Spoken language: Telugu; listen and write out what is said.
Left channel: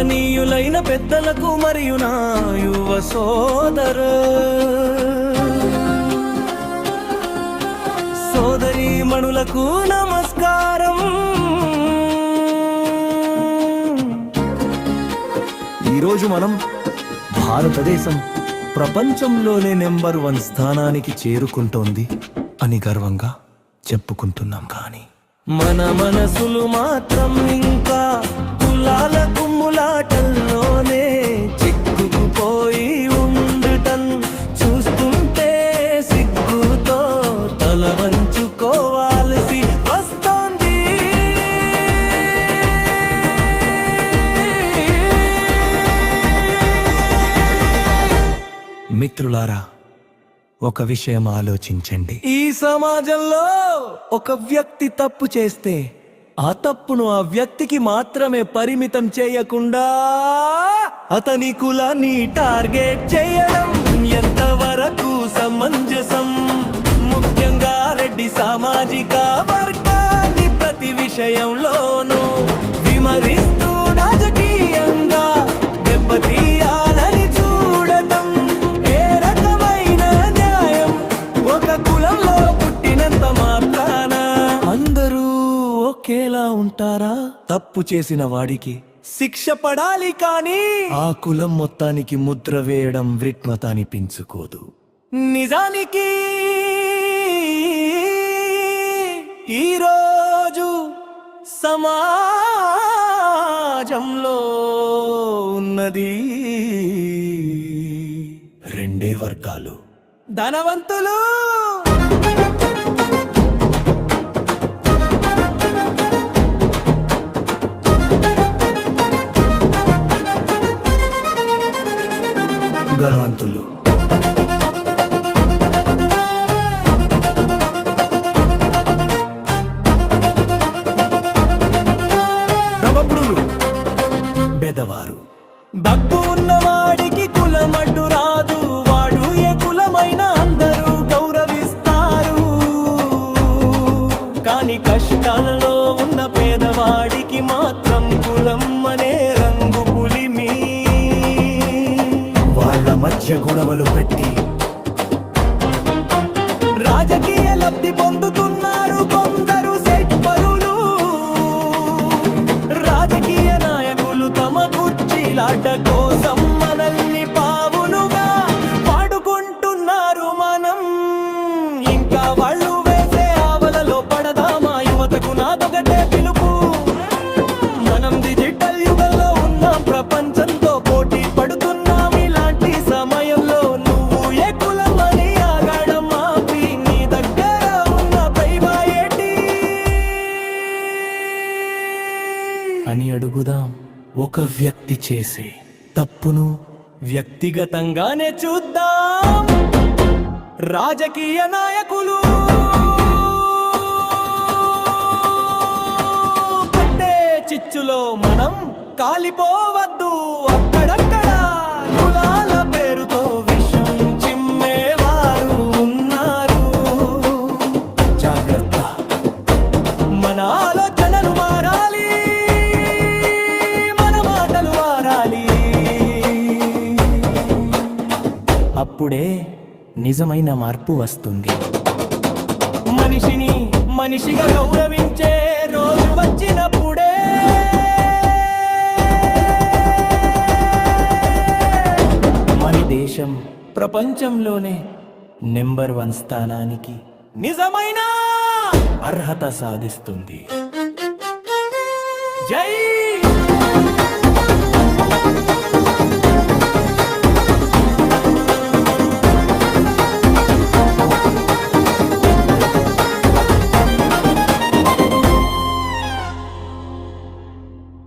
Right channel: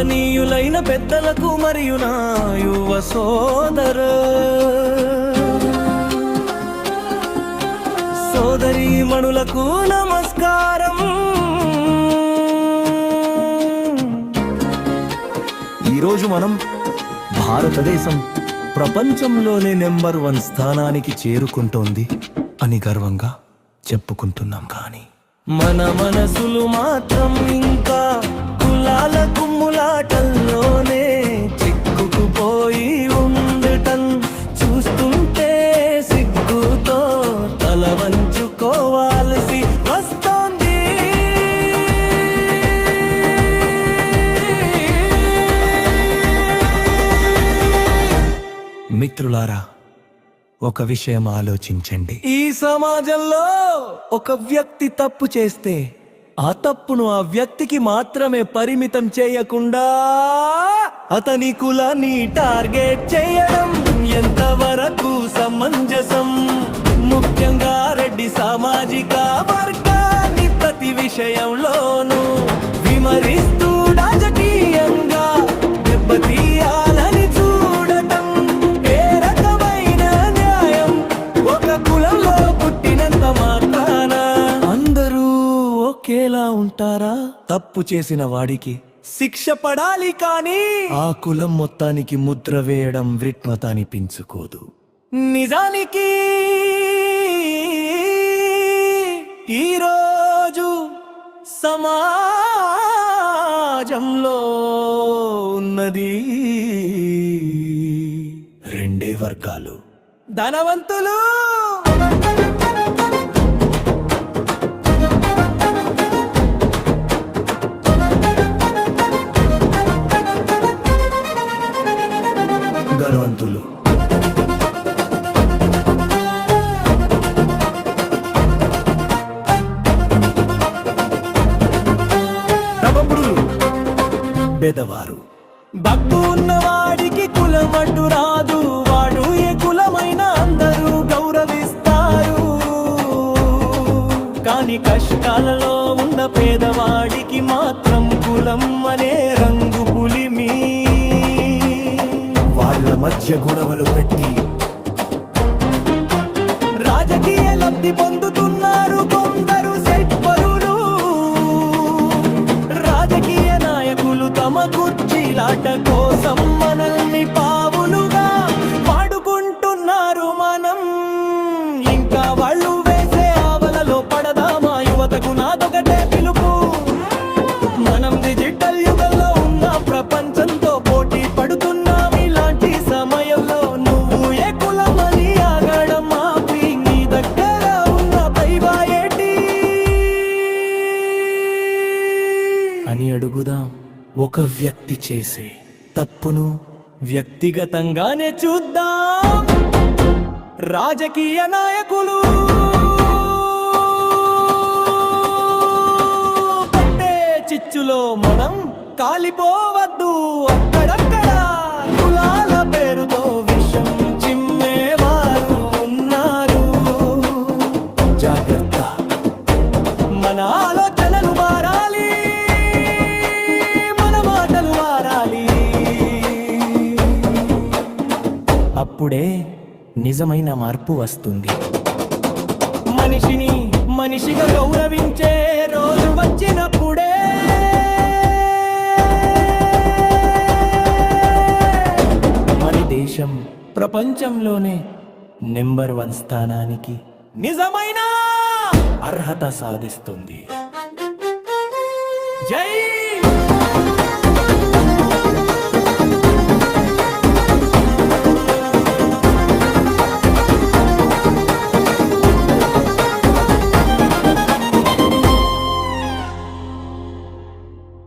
గౌరవనీయులైన పెద్దలకు మరియు నా యువ సోదరీమణులకు నమస్కారం. ఈరోజు మనం భారతదేశం ప్రపంచంలోనే నెంబర్ 1 స్థానానికి చేరుకుంటోంది అని గర్వంగా చెప్పుకుంటున్నాం. కానీ మన మనసులు మాత్రం ఇంకా కులాల కుమ్ములాటల్లోనే చిక్కుకుపోయి ఉండటం చూస్తుంటే సిగ్గుతో తల వంచుకోవాల్సి వస్తోంది. మిత్రులారా, ఒక విషయం ఆలోచించండి. ఈ సమాజంలో ఒక వ్యక్తి తప్పు చేస్తే ఆ తప్పును ఆ వ్యక్తికి మాత్రమే పరిమితం చేయకుండా అతని కులాన్ని టార్గెట్ చేయడం ఎంతవరకు సమంజసం? ముఖ్యంగా రెడ్డి సామాజిక వర్గాన్ని ప్రతి విషయంలోనూ విమరిస్తూ రాజకీయంగా దెబ్బతీయాలని చూడటం ఏ రకమైన న్యాయం? ఒక కులంలో పుట్టినంత మాత్రాన అందరూ ఒకేలా ఉంటారా? తప్పు చేసిన వాడికి శిక్ష పడాలి, కానీ ఆ కులం మొత్తానికి ముద్ర వేయడం విఘ్నత అనిపించుకోదు. నిజానికి ఈరోజు సమాజంలో ఉన్నది రెండే వర్గాలు: ధనవంతులు, గణవంతులు. నవముడులు, బెదవారు. డబ్బు ఉన్నవాడికి కులమడ్డు రాదు, వాడు ఏ కులమైనా అందరూ గౌరవిస్తారు. కానీ కష్టాలలో ఉన్న పేదవాడికి మాత్రం కులం అనే రంగు పులిమి. వాళ్ళ మధ్య గొడవలు పెట్టి రాజకీయ లబ్ధి పొందుతున్నారు కొందరు సెట్పరులు. రాజకీయ నాయకులు తమ కుర్చీలాట కోసం మనల్ని పావులుగా వాడుకుంటున్నారు. మనం ఇంకా వాళ్ళు వేసే ఆవలలో పడదామా? యువతకు నాదొకటే పిలుపు: మనం డిజిటల్ యుగంలో ఉన్నాం, ప్రపంచంతో పోటీ పడుతున్నాం. ఇలాంటి సమయంలో నువ్వు ఏ కులమని ఆగడం ఆపి నీ దగ్గర ఉన్న పైబాయేటి అని అడుగుదాం. ఒక వ్యక్తి చేసే తప్పును వ్యక్తిగతంగానే చూద్దాం. రాజకీయ నాయకులు పట్టే చిచ్చులో మనం కాలిపోవద్దు. అక్కడక్కడ కులాల పేరుతో విషం చిమ్మేవారు ఉన్నారు. జాగ్రత్త, మన ఆలోచనలు మారాలి, మన మాటలు మారాలి. అప్పుడే నిజమైన మార్పు వస్తుంది. మనిషిని మనిషిగా గౌరవించే రోజు వచ్చినప్పుడే మన దేశం ప్రపంచంలోనే నెంబర్ 1 స్థానానికి నిజమైన అర్హత సాధిస్తుంది. జై